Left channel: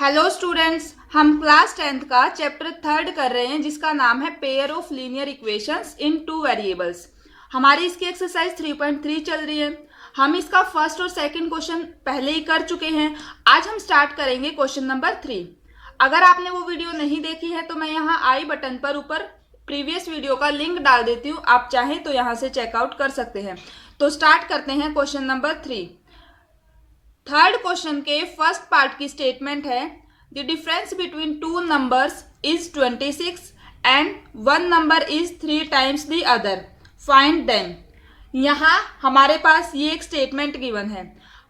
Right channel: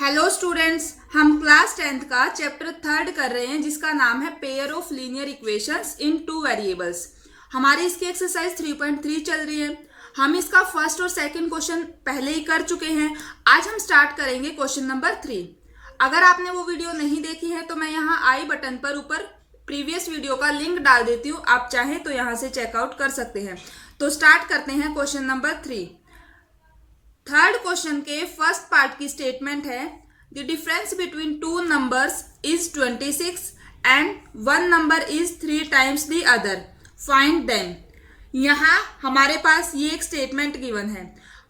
Hello students, हम class 10th का chapter 3 कर रहे हैं जिसका नाम है pair of linear equations in two variables. हमारी इसकी एक्सरसाइज 3.3 चल रही है। हम इसका फर्स्ट और सेकंड क्वेश्चन पहले ही कर चुके हैं। आज हम स्टार्ट करेंगे क्वेश्चन नंबर 3। अगर आपने वो वीडियो नहीं देखी है तो मैं यहाँ आई बटन पर ऊपर प्रीवियस वीडियो का लिंक डाल देती हूँ, आप चाहें तो यहाँ से चेकआउट कर सकते हैं। तो स्टार्ट करते हैं क्वेश्चन नंबर 3। थर्ड क्वेश्चन के फर्स्ट पार्ट की स्टेटमेंट है the difference between two numbers is 26 and one number is 3 times the other, find them. यहाँ हमारे पास ये एक स्टेटमेंट गिवन है।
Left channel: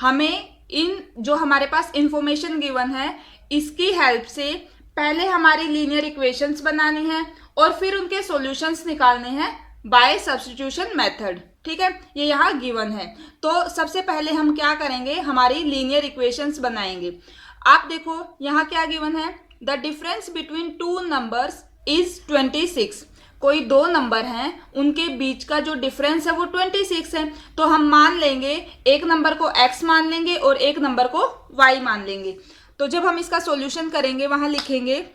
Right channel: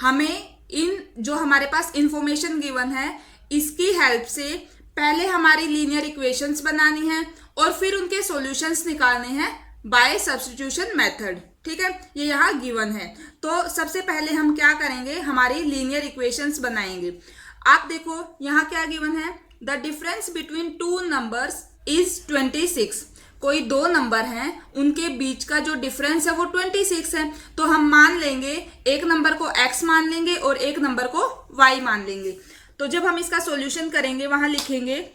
हमें इन जो हमारे पास इंफॉर्मेशन गिवन है इसकी हेल्प से पहले हमारी लीनियर इक्वेशंस बनानी है और फिर उनके सॉल्यूशंस निकालने हैं बाय सब्स्टिट्यूशन मेथड। ठीक है, ये यहाँ गिवन है। तो सबसे पहले हम क्या करेंगे, हमारी लीनियर इक्वेशंस बनाएंगे। आप देखो यहाँ क्या गिवन है, the difference between two numbers is 26। कोई दो नंबर हैं, उनके बीच का जो डिफरेंस है वो 26 है। तो हम मान लेंगे एक नंबर को x मान लेंगे और एक नंबर को y मान लेंगे। तो जब हम इसका सॉल्यूशन करेंगे वहां लिखेंगे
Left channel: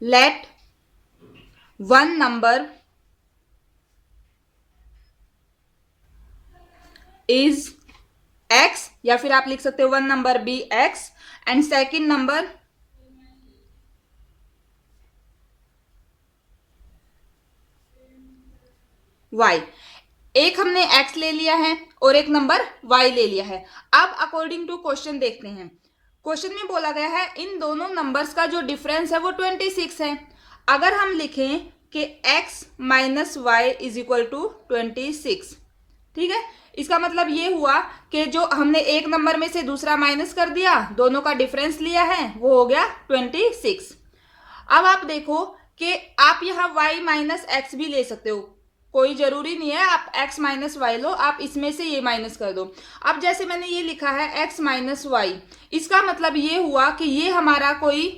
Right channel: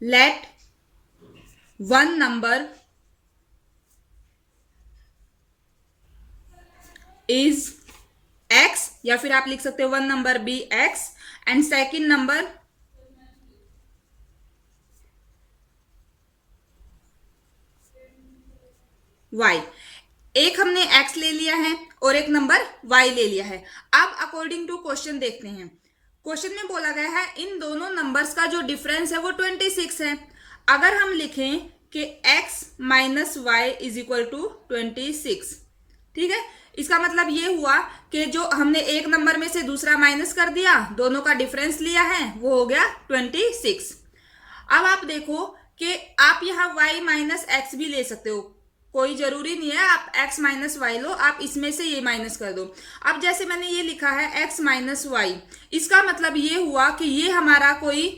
let one number is x, या फिर आप लिख सकते हो one number be x and second number y। एक हमने x ले लिया है और एक नंबर y ले लिया है। अब अकॉर्डिंग टू क्वेश्चन देखते हैं। क्वेश्चन में बोला गया है इन दोनों नंबर्स का जो डिफरेंस है वो 26 है। अगर हम लिखें कि x minus Y is equal to 26, ठीक है, इसका मतलब ये हुआ कि जो हमने एक नंबर में से दूसरा माइनस कर दिया, दोनों का डिफरेंस लिया है, वो हो गया 26। अब आप देखो कि आप यहाँ y माइनस एक्स भी ले सकते हो, कोई जरूरी नहीं है आप x माइनस वाई लो, आप इसमें से ये माइनस कर दो। अब जैसे मैंने ये लिखा है x माइनस वाई, इसका मतलब ये हुआ कि ये हमारा कोई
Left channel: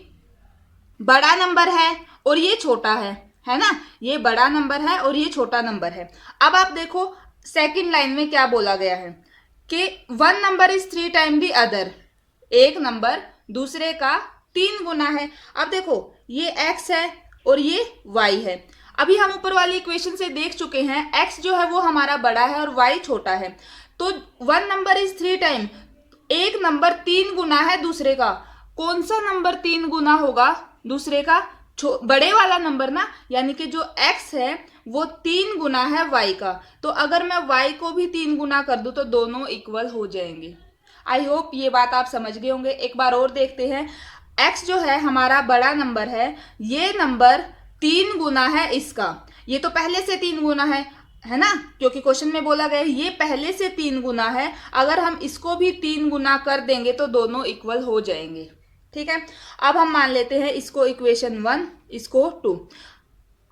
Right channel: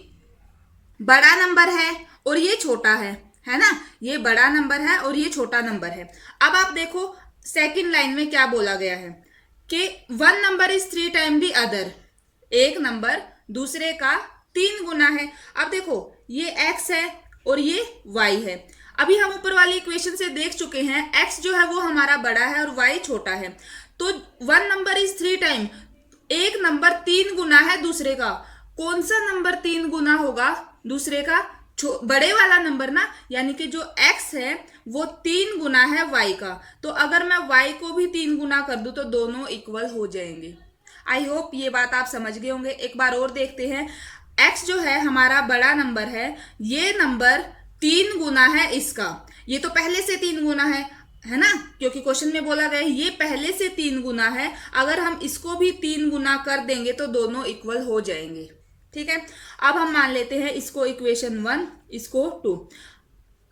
बड़ा नंबर है और ये छोटा है ना, ये बड़ा नंबर है और ये छोटा नंबर है। अब आप देखो सेकंड लाइन में क्या बोला गया है कि one number is 3 time the other, एक नंबर दूसरे का 3 गुना है। अब देखो ये x है और ये y है। अभी हम ऊपर वाली इक्वेशन से देख चुके हैं x जो है वो हमारा बड़ा है और y छोटा है। तो वन नंबर इज 3 टाइम, एक नंबर 3 गुना है दूसरे का। कौन सा नंबर 3 गुना होगा दूसरे का? बड़े वाला नंबर ना, यानी कि जो x है वो 3 गुना है y का। तो अगर मैं y को भी 3 गुना कर दूं तो दोनों इक्वल हो जाएंगे। आई होप ये बात आप समझ गए होंगे। एक बार और देखते हैं, x जो है हमारा बड़ा नंबर है, ये नंबर 3 गुना है इसका। ये तो पहले से 3 गुना है ना, क्योंकि क्वेश्चन में बोला गया है ये पहले से 3 गुना है। अगर हम इसको भी 3 गुना कर देंगे तो दोनों इक्वल हो जाएंगे। ठीक है, अब हम मान लेते हैं इसको इक्वेशन 1, इसको 2।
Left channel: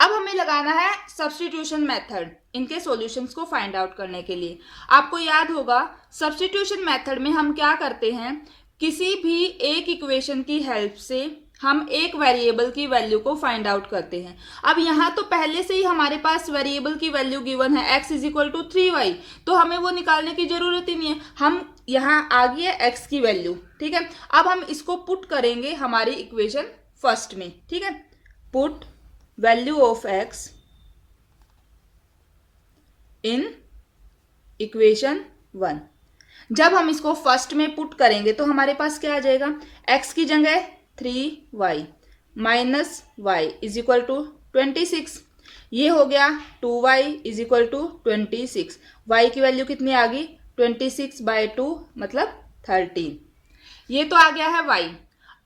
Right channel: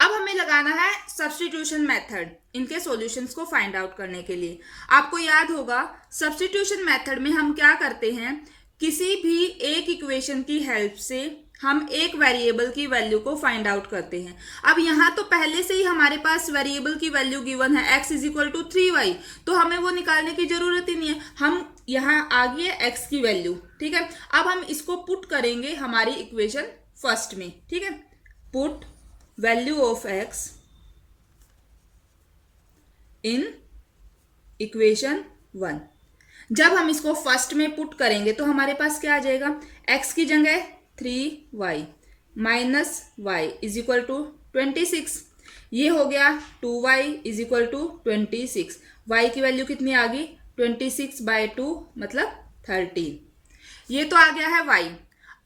अब हमें लगाना है सब्स्टिट्यूशन मेथड इनके सॉल्यूशंस को फाइंड आउट करने के लिए। आपको याद होगा सब्स्टिट्यूशन मेथड में हम क्या करते हैं, किसी भी एक इक्वेशन की हेल्प से हम एक वेरिएबल की वैल्यू को फाइंड आउट करते हैं। अब यहाँ तो पहले से ही हमारे पास वेरिएबल की वैल्यू गिवन है x is equal to 3y, तो हमें वो निकालने की जरूरत ही नहीं है। हम यहाँ आ गई है x की वैल्यू, ठीक है। अब हम इसको पुट करेंगे हमारी इक्वेशन फर्स्ट में, ठीक है। Put value of x in equation 1। जब हम इसको फर्स्ट में पुट करेंगे तो हमारे पास क्या आ जाएगा, x की जगह 3y minus Y is equal to 26, ये हो गया 2y is equal to 26। y की वैल्यू कितनी आ गई, 26/2 मतलब 13। ये तो आ गया है y।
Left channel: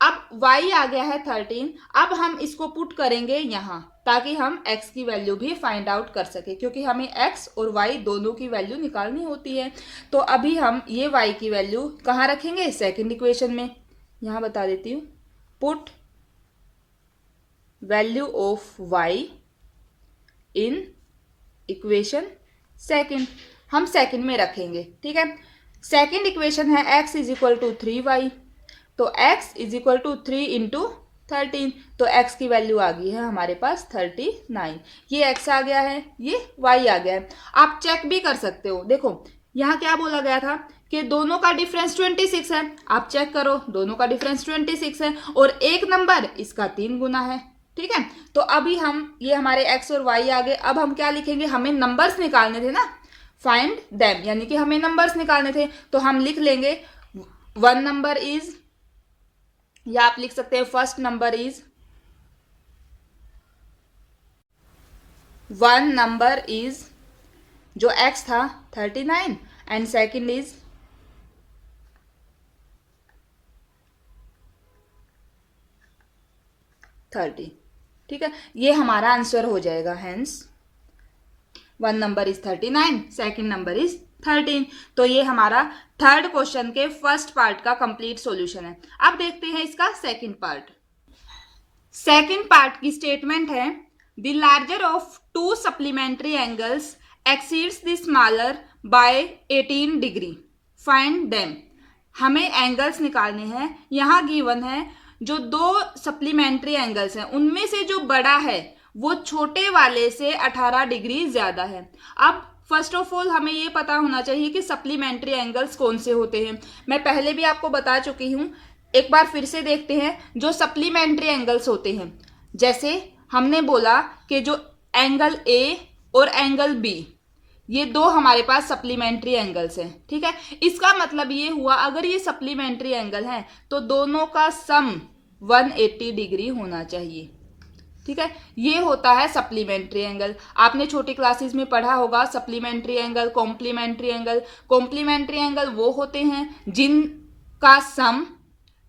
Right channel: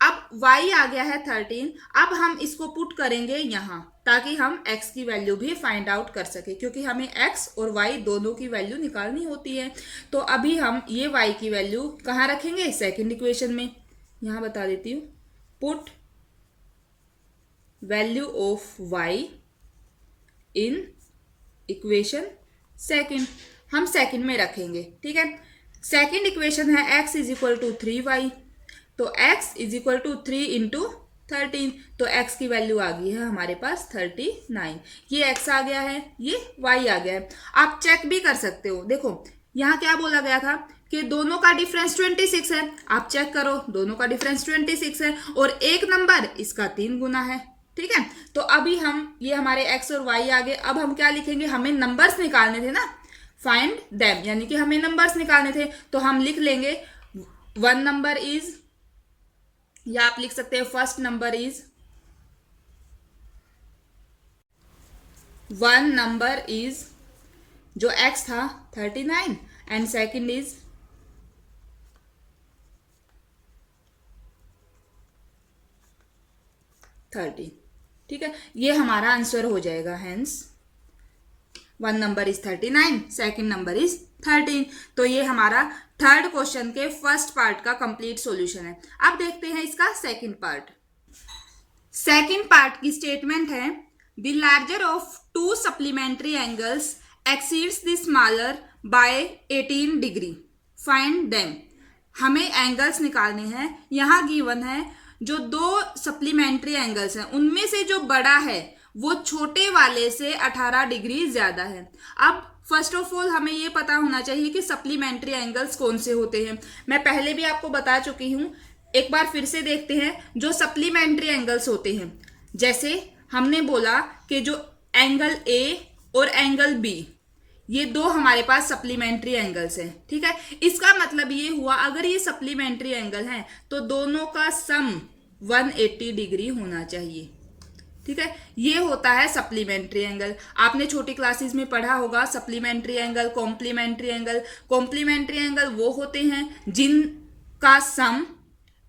अब y आ गया है 13। अब हम इसको पुट करेंगे यहाँ ताकि हम x की वैल्यू भी फाइंड आउट कर सके, क्योंकि हमें x और y दोनों की वैल्यू निकालनी होती है। तो अभी हम ये y की वैल्यू कहाँ रखेंगे, सेकेंड इक्वेशन में। यहाँ बता देती हूँ, put value of y in equation second, हम सेकेंड में रखेंगे, ठीक है। सेकेंड इक्वेशन है x is equal to 3y, तो x is equal to 3 into 13, तो x की वैल्यू आ गई है हमारे पास 39। ये x आ गया है, ये y आ गया है। आप चेक भी कर सकते हो। देखो यहाँ क्या बोला गया था कि दोनों का डिफरेंस 26 है। आप चेक करो, दोनों का डिफरेंस 26 है और एक नंबर इसका 3 गुना है। ठीक है, तो अभी हम ये हमारे x और y आ गए। अब हम क्या लिखेंगे, हमें नंबर्स निकालने थे ना, फाइंड देम, यानी कि हमें नंबर्स निकालने थे। तो हम लिख लेंगे 1 नंबर इज, या आप लिख सकते हैं first number is, 1 number is, जो x था 39 एंड सेकंड इज 30। ठीक है, ये हमारा आंसर हो जाएगा। Hence 1 number is 39, second number is 13। तो ये हमारा थर्ड क्वेश्चन के फर्स्ट पार्ट का कंप्लीट सॉल्यूशन है। अब देखते हैं इसका सेकंड पार्ट। सेकंड पार्ट की स्टेटमेंट है, the larger of 2 supplementary angles exceeds the smaller by 18 degree, find them. हमें एंगल्स निकालने हैं। यहाँ गिवन है जो 2 सप्लीमेंट्री एंगल्स हैं उनमें से जो बड़ा है वो छोटे वाले से 18 डिग्री ज्यादा है। अब फर्स्ट ऑफ ऑल हमें ये पता होना चाहिए कि सप्लीमेंट्री एंगल्स कौन से होते हैं। मैं पहले भी आपको बता चुकी हूँ, एक बार फिर से देखते हैं। जो सप्लीमेंट्री एंगल्स होते हैं, जैसे हमने बोला कि जो एंगल ए और एंगल बी, ये 2 हमारे पास सप्लीमेंट्री एंगल्स हैं। ठीक है, इसका मतलब ये हुआ अगर ये सप्लीमेंट्री एंगल हैं तो दोनों का सम 180 डिग्री होना चाहिए। ठीक है, ये होता है सप्लीमेंट्री एंगल। आपने छोटी क्लासेस में पढ़ा होगा supplementary angle, complementary angle. Complementary angle वो होते हैं जिनका सम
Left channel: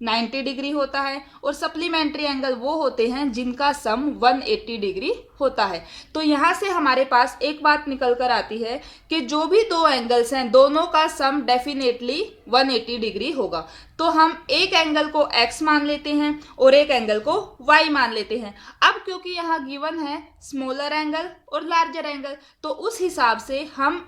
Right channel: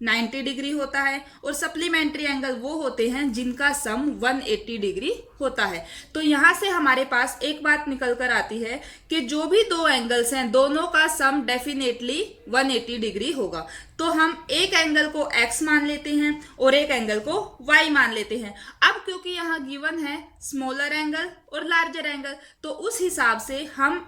90 डिग्री होता है और सप्लीमेंट्री एंगल वो होते हैं जिनका सम 180 डिग्री होता है। तो यहाँ से हमारे पास एक बात निकल कर आती है कि जो भी 2 एंगल्स हैं दोनों का सम डेफिनेटली 180 डिग्री होगा। तो हम एक एंगल को x मान लेते हैं और एक एंगल को y मान लेते हैं। अब क्योंकि यहाँ गिवन है स्मॉलर एंगल और लार्जर एंगल, तो उस हिसाब से हम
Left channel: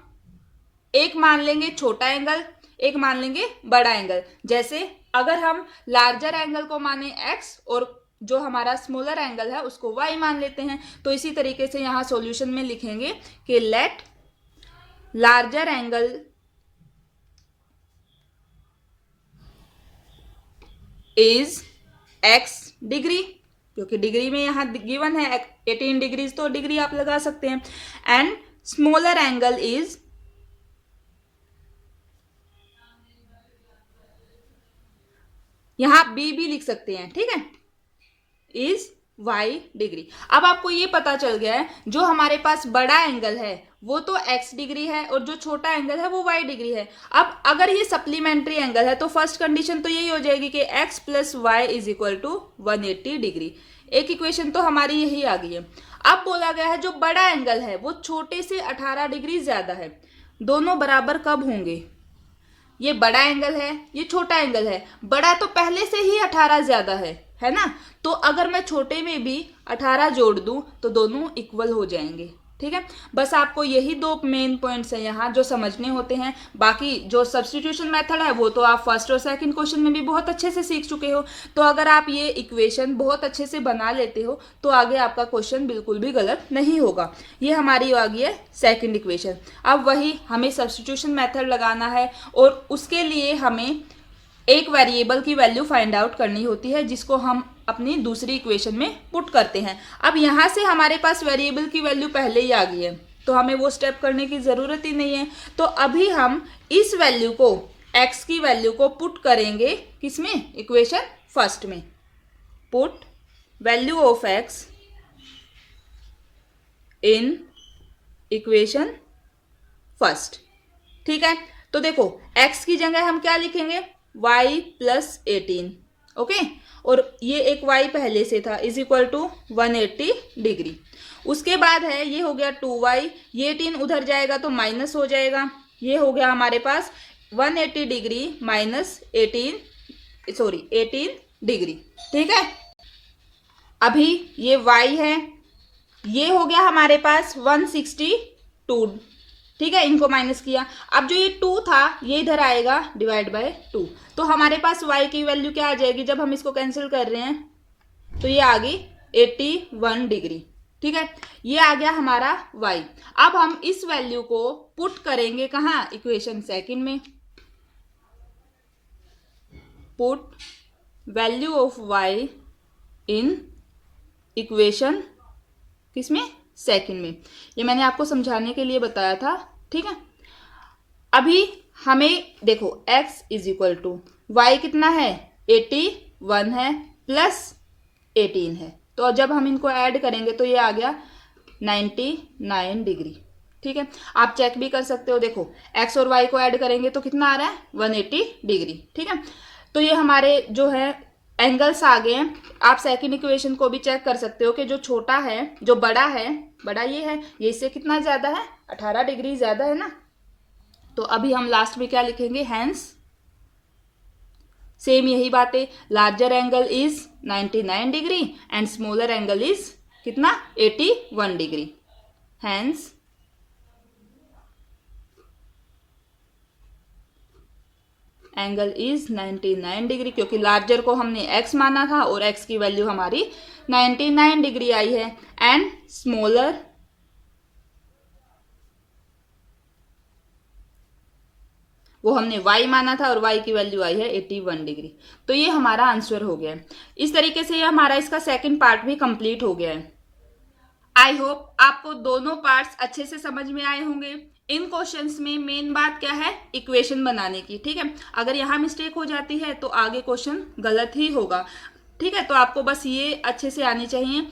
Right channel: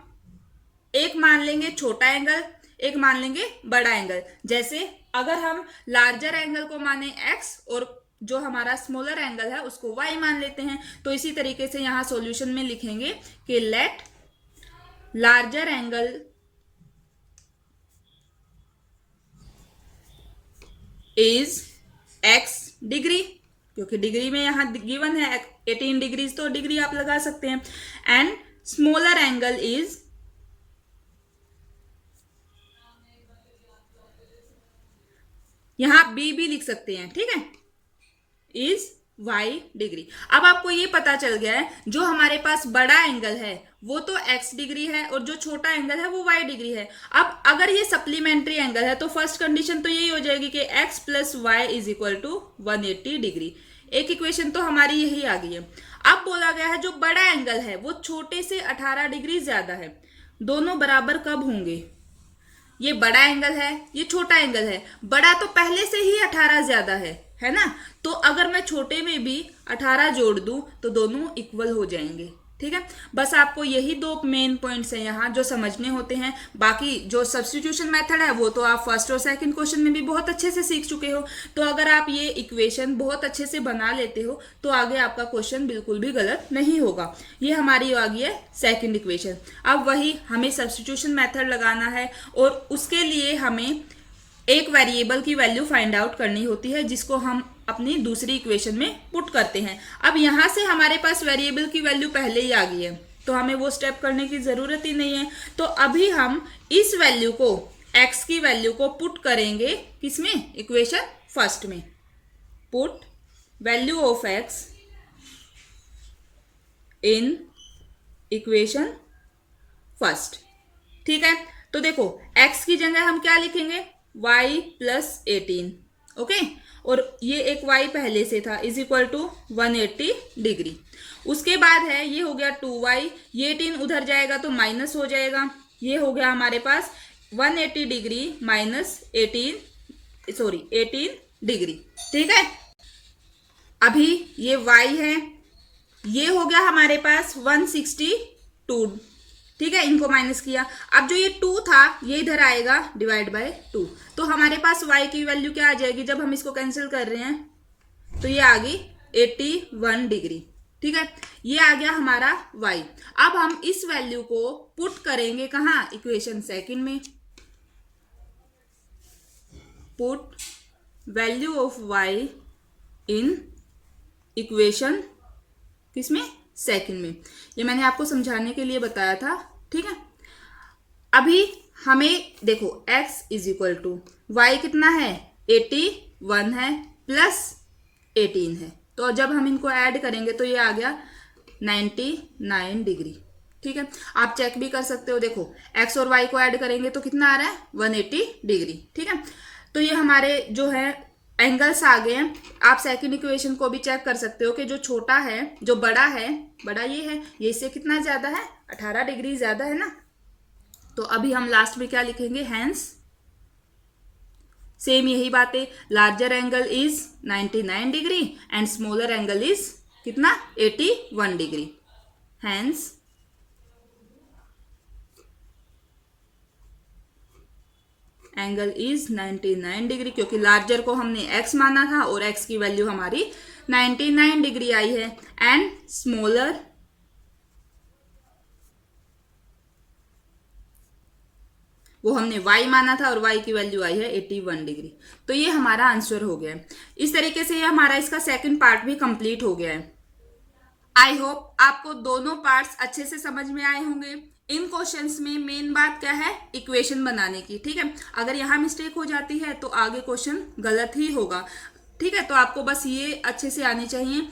एक मान लेंगे छोटा एंगल, एक मान लेंगे बड़ा एंगल। जैसे अगर हम लार्जर एंगल को माने x और जो हमारा स्मॉलर एंगल है उसको y मान लेते हैं, तो इसी तरीके से यहाँ सॉल्यूशन में लिखेंगे कि let larger angle is x degree, क्योंकि डिग्री में यहाँ गिवन है 18 डिग्री, तो डिग्री आप लगा सकते हैं, एंड स्मॉलर एंगल इज यहां बी भी लिख सकते हैं। ठीक है, इज y डिग्री। अब आपको ये पता चल गया है जो हमारे पास बड़ा एंगल है वो तो x डिग्री है और जो छोटा एंगल है वो y डिग्री है। अब अगर ये सप्लीमेंट्री एंगल है तो फर्स्ट कंडीशन तो यही हो जाएगी कि x plus Y is equal to 180 degree. एक इक्वेशन तो हमारी यही आ गई है। अब बोला गया है जो बड़ा एंगल है वो छोटे से 18 डिग्री ज्यादा है। दोनों बराबर कब होंगे? ये बड़ा एंगल है, ये छोटा एंगल है। बड़ा तो पहले से ही 18 ज्यादा है ना। तो अगर मैं छोटे में भी 18 जोड़ दूं तो दोनों इक्वल हो जाएंगे। ठीक है, बस आपको यही 2 मेन पॉइंट्स हैं यहाँ जो समझने होते हैं। बाकी जो सब्स्टिट्यूशन मेथड है वो तो आप फर्स्ट और सेकंड क्वेश्चन में भी बहुत अच्छे से सीख चुके हो। तो अगर आप ये इक्वेशन बहुत अच्छे से बना लेते हो तो आगे आपका क्वेश्चन बिल्कुल भी गलत नहीं होगा। ये हमारी आ गई है सेकंड इक्वेशन। अब वही हमें सब्स्टिट्यूशन मेथड लगाना है और उसके लिए हमें एक वेरिएबल की वैल्यू फाइंड आउट करनी होती है जिसको हम अपनी दूसरी इक्वेशन में पुट करते हैं। अब यहाँ से हमारे पास वेरिएबल की वैल्यू पहले ही आ गई है तो हमें वो स्टेप करने की ज़रूरत ही नहीं है। तो अभी हम इस वैल्यू को, x की वैल्यू को पुट करेंगे किसमें? इक्वेशन फर्स्ट में। Put value of x in equation first. ठीक है, तो देखो x की जगह हम क्या लिखेंगे? y plus 18। ओके, और ये एक y पहले से था इज इक्वल टू 180 डिग्री। उसके बाद है ये हो गया 2y, ये 18 उधर जाएगा तो माइनस हो जाएगा। ये हो गया हमारे पास 180 डिग्री माइनस 18 डिग्री। ठीक है, अभी ये y है, ये हो गया हमारे पास 162। ठीक है, इनको माइनस किया। अब जो ये 2 था ये इधर आएगा डिवाइड बाय 2, तो हमारे पास y की वैल्यू क्या आ जाएगी जब हम इसको कैंसिल कर रहे हैं? तो ये आ गई 81 डिग्री। ठीक है, ये आ गया हमारा y। अब हम इस वैल्यू को पुट करेंगे कहाँ? इक्वेशन सेकंड में। Put value of y in equation किसमें, सेकंड में। ये मैंने आपको समझाने के लिए बताया था, ठीक है। अभी हमें देखो x is equal to Y कितना है 81 है प्लस 18 है, तो जब हम इनको ऐड करेंगे तो ये आ गया 99 डिग्री, ठीक है। आप चेक भी कर सकते हो, देखो x और y को ऐड करेंगे तो कितना आ रहा है 180 डिग्री, ठीक है। तो ये हमारे जो है एंगल्स आ गए हैं। आप सेकंड इक्वेशन को भी चेक कर सकते हो कि जो छोटा है, जो बड़ा है, बड़ा ये है, ये इससे कितना ज़्यादा है 18 डिग्री ज़्यादा है ना। तो अभी हम लास्ट में क्या लिखेंगे, हैंस सेम यही बात है, larger angle is 99 degree and smaller angle is कितना 81 degree. Hence angle is 99 degree, क्योंकि लार्जर को हमने x माना था और x की वैल्यू हमारी 99 डिग्री आई है, एंड स्मॉलर वो हमने y माना था और y की वैल्यू आई है 81 डिग्री। तो ये हमारा आंसर हो गया है। इस तरीके से ये हमारा इसका सेकंड पार्ट भी कंप्लीट हो गया है। आई होप आपको दोनों पार्ट्स अच्छे से समझ में आए होंगे। इन क्वेश्चंस में मेन बात क्या है, इक्वेशन बनाने की, ठीक है। अगर यहाँ मिस्टेक हो जाती है तो आगे क्वेश्चन गलत ही होगा, ठीक है। तो आपको बस ये अच्छे से आनी चाहिए।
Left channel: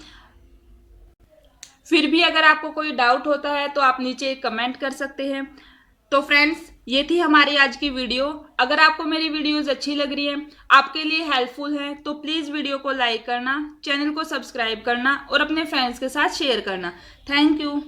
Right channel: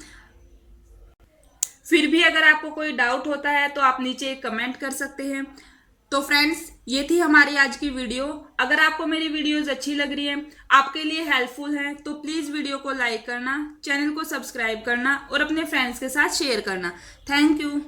फिर भी अगर आपको कोई डाउट होता है तो आप नीचे कमेंट कर सकते हैं। तो फ्रेंड्स, ये थी हमारी आज की वीडियो। अगर आपको मेरी वीडियोस अच्छी लग रही हैं, आपके लिए हेल्पफुल हैं, तो प्लीज़ वीडियो को लाइक करना, चैनल को सब्सक्राइब करना और अपने फ्रेंड्स के साथ शेयर करना। Thank you.